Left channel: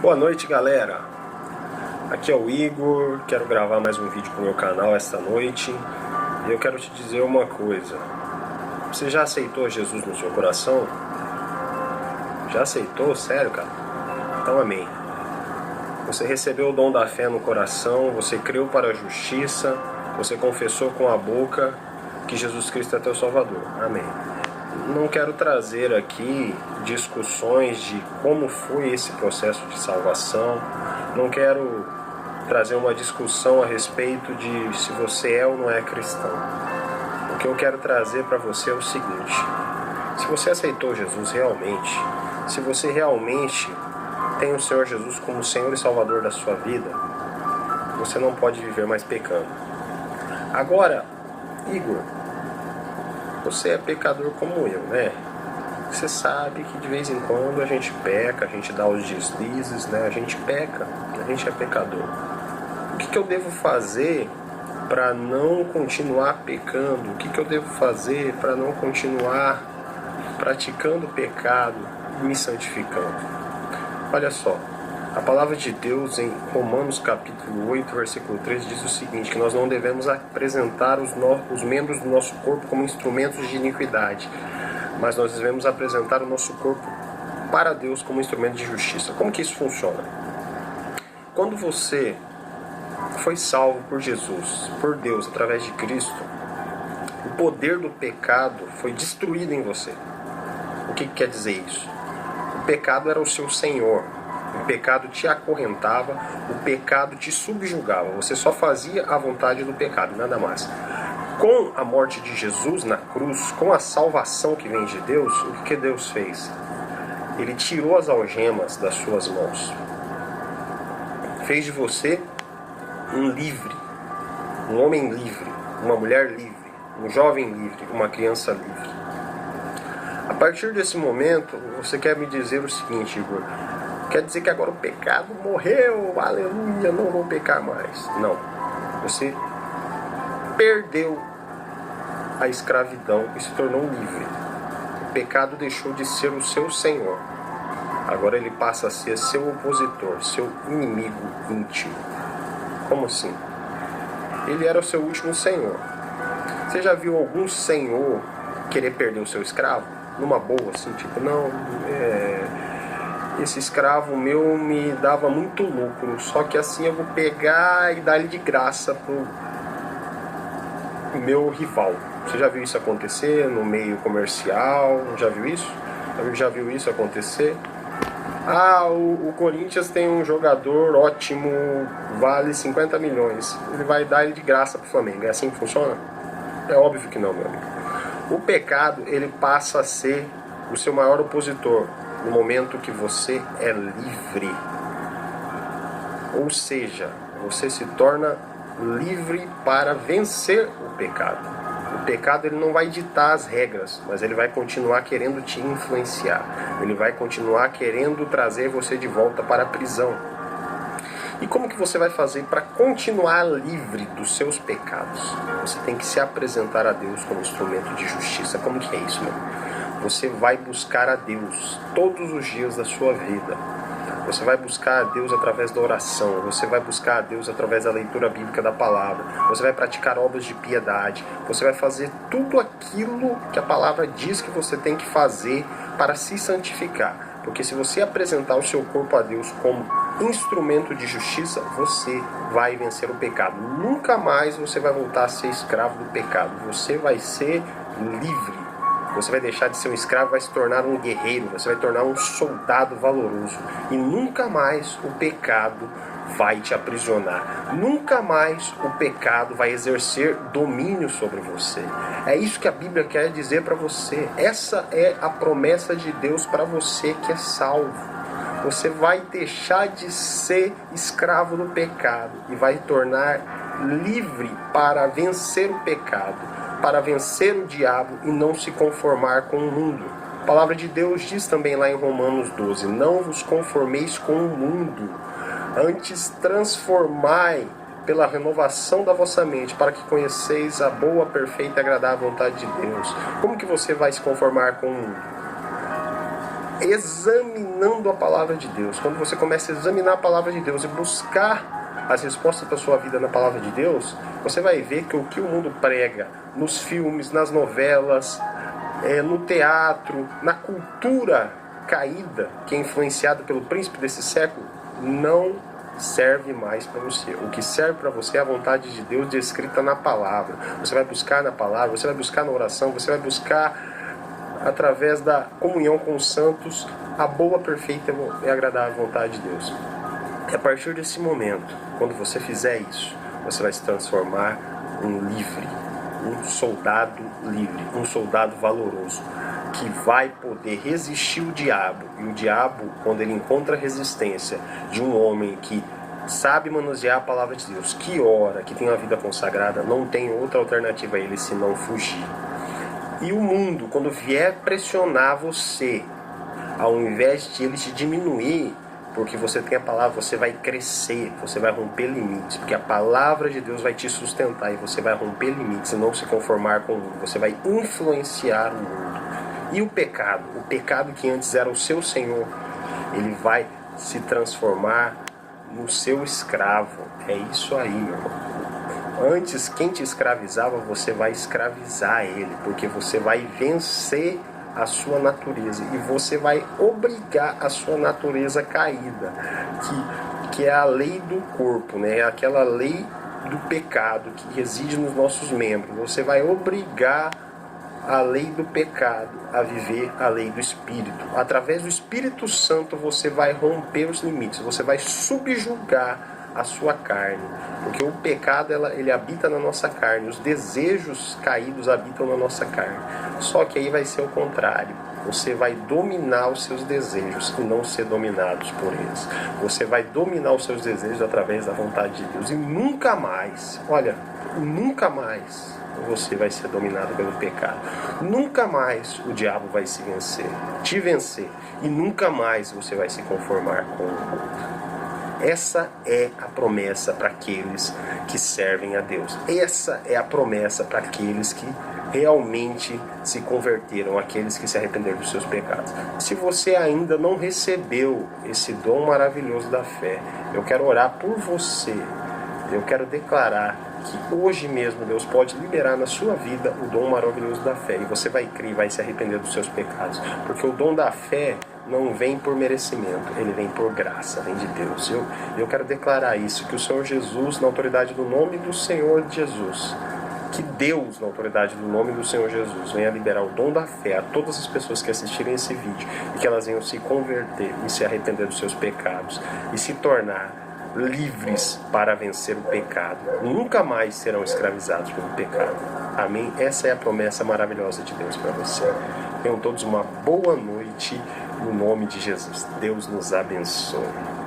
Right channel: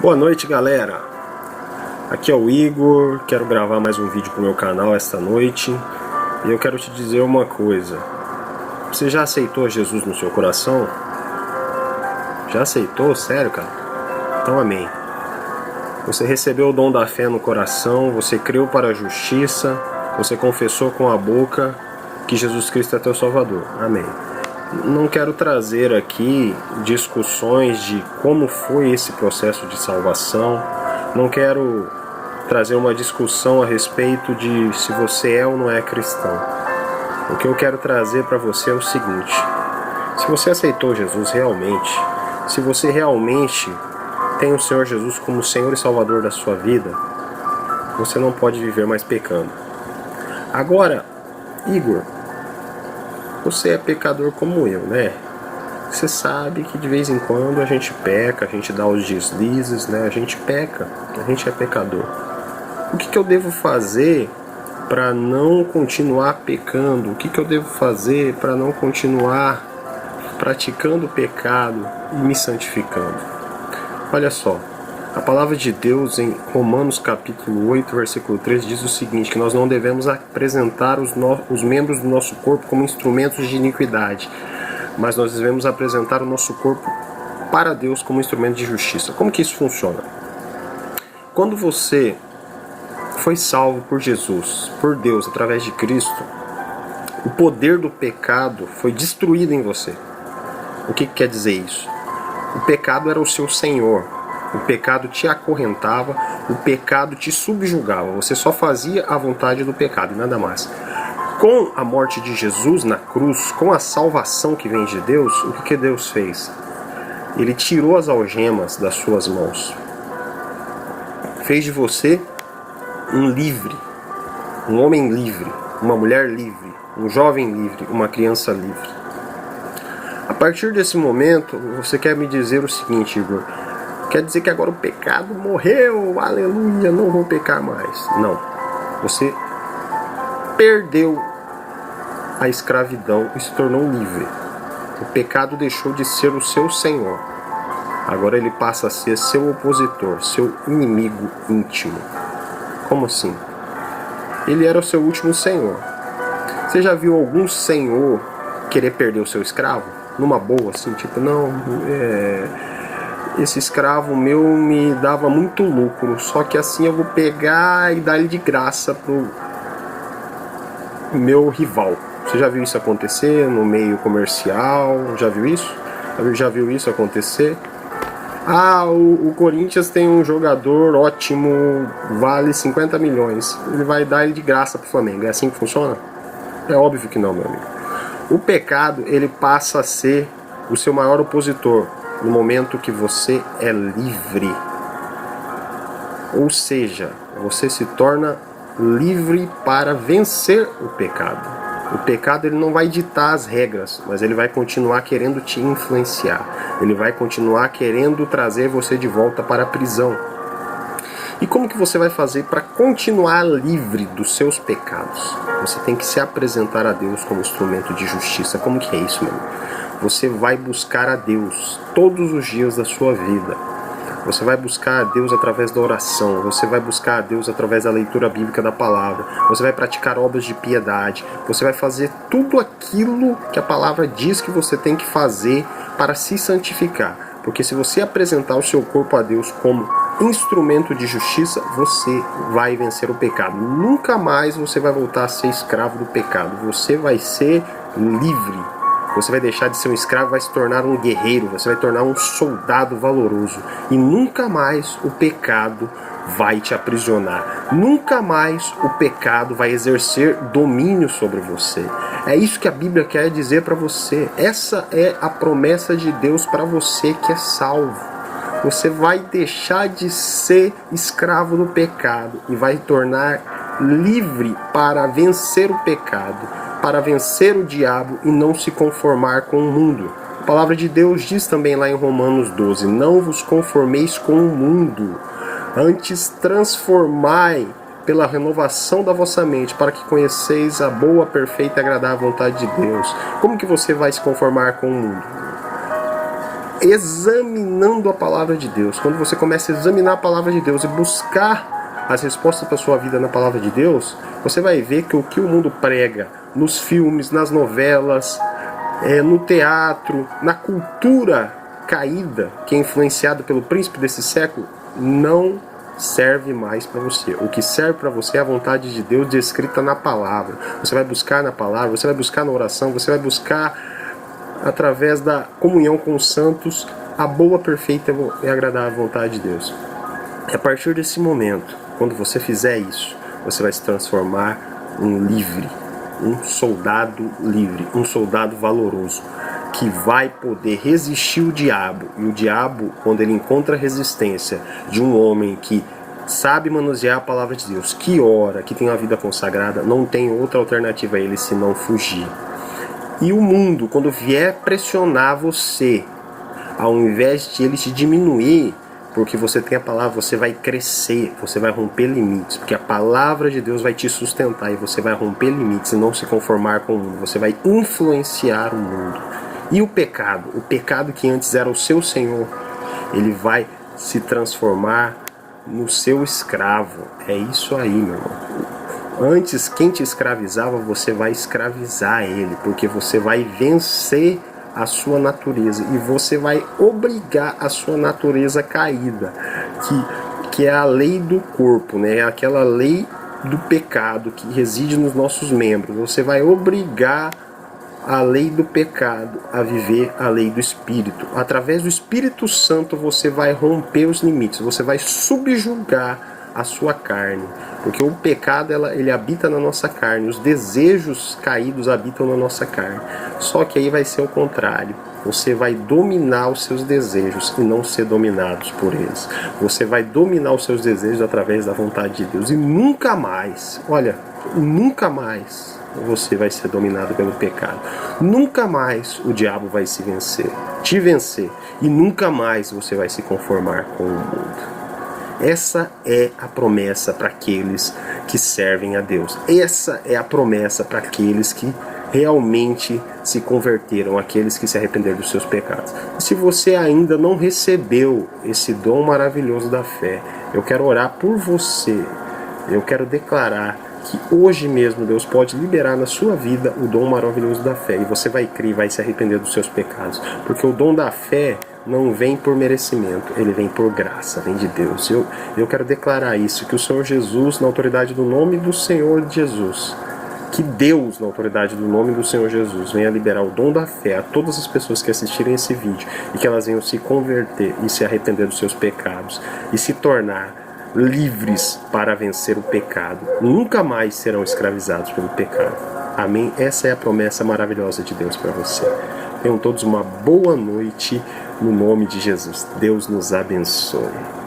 Boa noite, galera. Aqui é o Igor, quero gravar mais um vídeo pro meu canal esta noite. E eu quero te dizer uma coisa. Você já aceitou Jesus no seu coração? Já aceitou? Sério, cara? Então amém. Você recebeu o dom da fé no coração, você creu para a justiça, você confessou com a boca que Jesus Cristo é teu Salvador. Amém. Não quero trazer aqui discussões de como foi esse processo de salvação. Não quero trazer uma discussão a respeito de se você é ou não é cristão. O que eu quero trazer para você é o seguinte: se você aceitou Jesus realmente, se você realmente tem o Senhor Jesus como Senhor e Salvador da sua vida, você não pode viver mais pecando. Agora, Igor, você é pecador como eu, né? Você sabe que de vez em quando a gente peca, a gente dá os deslizes, né? A gente peca, a gente é pecador. O que eu devo fazer para não continuar pecando? O que eu devo fazer para não continuar praticando o pecado e me santificando? Olha só, a palavra de Deus em Romanos capítulo 8, versículo 3 diz o seguinte, que nós não devemos apresentar os membros do nosso corpo como instrumentos de iniquidade, mas nós devemos apresentar o nosso corpo para Deus como instrumento de justiça. Como que isso funciona? Quando você foi salvo por Jesus, por Deus, através de Cristo, o poder do pecado foi destruído em você. O que quer dizer isso? O pecado era o seu senhor. O pecado te acorrentava, o pecado te subjugava. Você só fazia a vontade do pecado e nada mais. Com a morte de Jesus na cruz, com a salvação que vem de Deus, o que Deus fez? Ele tirou as algemas das suas mãos. Fez de você um livre, um homem livre, uma mulher livre, um jovem livre, uma criança livre. A partir desse momento, você quer me dizer o seguinte, Igor: quer dizer que agora o pecado morreu, aleluia, não vou pecar mais. Não, você perdeu a escravidão e se tornou livre. O pecado deixou de ser o seu senhor. Agora ele passa a ser seu opositor, seu inimigo íntimo. Como assim? Ele era o seu último senhor. Você já viu algum senhor querer perder o seu escravo? Numa boa, assim, tipo, não, esse escravo meu me dava muito lucro, só que assim eu vou pegar e dar ele de graça pro meu rival. Você já viu isso acontecer no meio comercial? Já viu isso? Já viu isso acontecer? Ah, o Corinthians tem um jogador ótimo, vale 50 milhões. Ele vai dar ele de graça pro Flamengo. É assim que funciona? É óbvio que não, meu amigo. O pecado, ele passa a ser o seu maior opositor no momento que você é livre. Ou seja, você se torna livre para vencer o pecado. O pecado, ele não vai ditar as regras, mas ele vai continuar querendo te influenciar. Ele vai continuar querendo trazer você de volta para a prisão. E como que você vai fazer para continuar livre dos seus pecados? Você tem que se apresentar a Deus como instrumento de justiça. Como que é isso, meu amigo? Você vai buscar a Deus todos os dias da sua vida. Você vai buscar a Deus através da oração. Você vai buscar a Deus através da leitura bíblica da palavra. Você vai praticar obras de piedade. Você vai fazer tudo aquilo que a palavra diz que você tem que fazer para se santificar. Porque se você apresentar o seu corpo a Deus como instrumento de justiça, você vai vencer o pecado. Nunca mais você vai voltar a ser escravo do pecado. Você vai ser livre. Você vai deixar de ser um escravo, vai se tornar um guerreiro, você vai tornar um soldado valoroso. E nunca mais o pecado vai te aprisionar. Nunca mais o pecado vai exercer domínio sobre você. É isso que a Bíblia quer dizer para você. Essa é a promessa de Deus para você que é salvo. Você vai deixar de ser escravo do pecado e vai tornar livre para vencer o pecado, para vencer o diabo e não se conformar com o mundo. A palavra de Deus diz também lá em Romanos 12, não vos conformeis com o mundo, antes transformai pela renovação da vossa mente, para que conheceis a boa, perfeita e agradável vontade de Deus. Como que você vai se conformar com o mundo? examinando a palavra de Deus, quando você começa a examinar a palavra de Deus e buscar as respostas para a sua vida na palavra de Deus, você vai ver que o que o mundo prega nos filmes, nas novelas, no teatro, na cultura caída, que é influenciada pelo príncipe desse século, não serve mais para você. O que serve para você é a vontade de Deus descrita na palavra. Você vai buscar na palavra, você vai buscar na oração, você vai buscar através da comunhão com os santos a boa, perfeita e agradável vontade de Deus. E a partir desse momento, quando você fizer isso, você vai se transformar em livre, um soldado livre, um soldado valoroso, que vai poder resistir o diabo. E o diabo, quando ele encontra a resistência de um homem que sabe manusear a palavra de Deus, que ora, que tem uma vida consagrada, não tem outra alternativa a ele senão fugir. E o mundo, quando vier pressionar você, ao invés de ele te diminuir, porque você tem a palavra, você vai crescer, você vai romper limites, porque a palavra de Deus vai te sustentar e você vai romper limites e não se conformar com o mundo, você vai influenciar o mundo. E o pecado que antes era o seu senhor, ele vai se transformar no seu escravo. É isso aí, meu irmão. Antes, quem te escravizava, você vai escravizar ele, porque você vai vencer a sua natureza e você vai obrigar a sua natureza caída, que é a lei do corpo, né? É aquela lei do pecado que reside nos nossos membros. Você vai obrigar a lei do pecado a viver a lei do Espírito. Através do Espírito Santo você vai romper os limites, você vai subjugar a sua carne, porque o pecado ele habita na nossa carne, os desejos caídos habitam na nossa carne. Só que aí vai ser o contrário, você vai dominar os seus desejos e não ser dominados por eles. Você vai dominar os seus desejos através da vontade de Deus e nunca mais, nunca mais você vai ser dominado pelo pecado. Nunca mais o diabo vai te vencer e nunca mais você vai se conformar com o mundo. Essa é a promessa para aqueles que servem a Deus. Essa é a promessa para aqueles que realmente se converteram, aqueles que se arrependeram dos seus pecados. Se você ainda não recebeu esse dom maravilhoso da fé, eu quero orar por você. Eu quero declarar que hoje mesmo Deus pode liberar na sua vida o dom maravilhoso da fé. E você vai crer e vai se arrepender dos seus pecados. Porque o dom da fé não vem por merecimento, ele vem por graça, vem de Deus. Eu quero declarar isso, que o Senhor Jesus, na autoridade do nome do Senhor Jesus, que Deus, na autoridade do nome do Senhor Jesus, venha liberar o dom da fé a todas as pessoas que assistirem esse vídeo e que elas venham se converter e se arrepender dos seus pecados e se tornar livres para vencer o pecado. Nunca mais serão escravizados pelo pecado. Amém? Essa é a promessa maravilhosa de Deus para você. Tenham todos uma boa noite no nome de Jesus. Deus nos abençoe.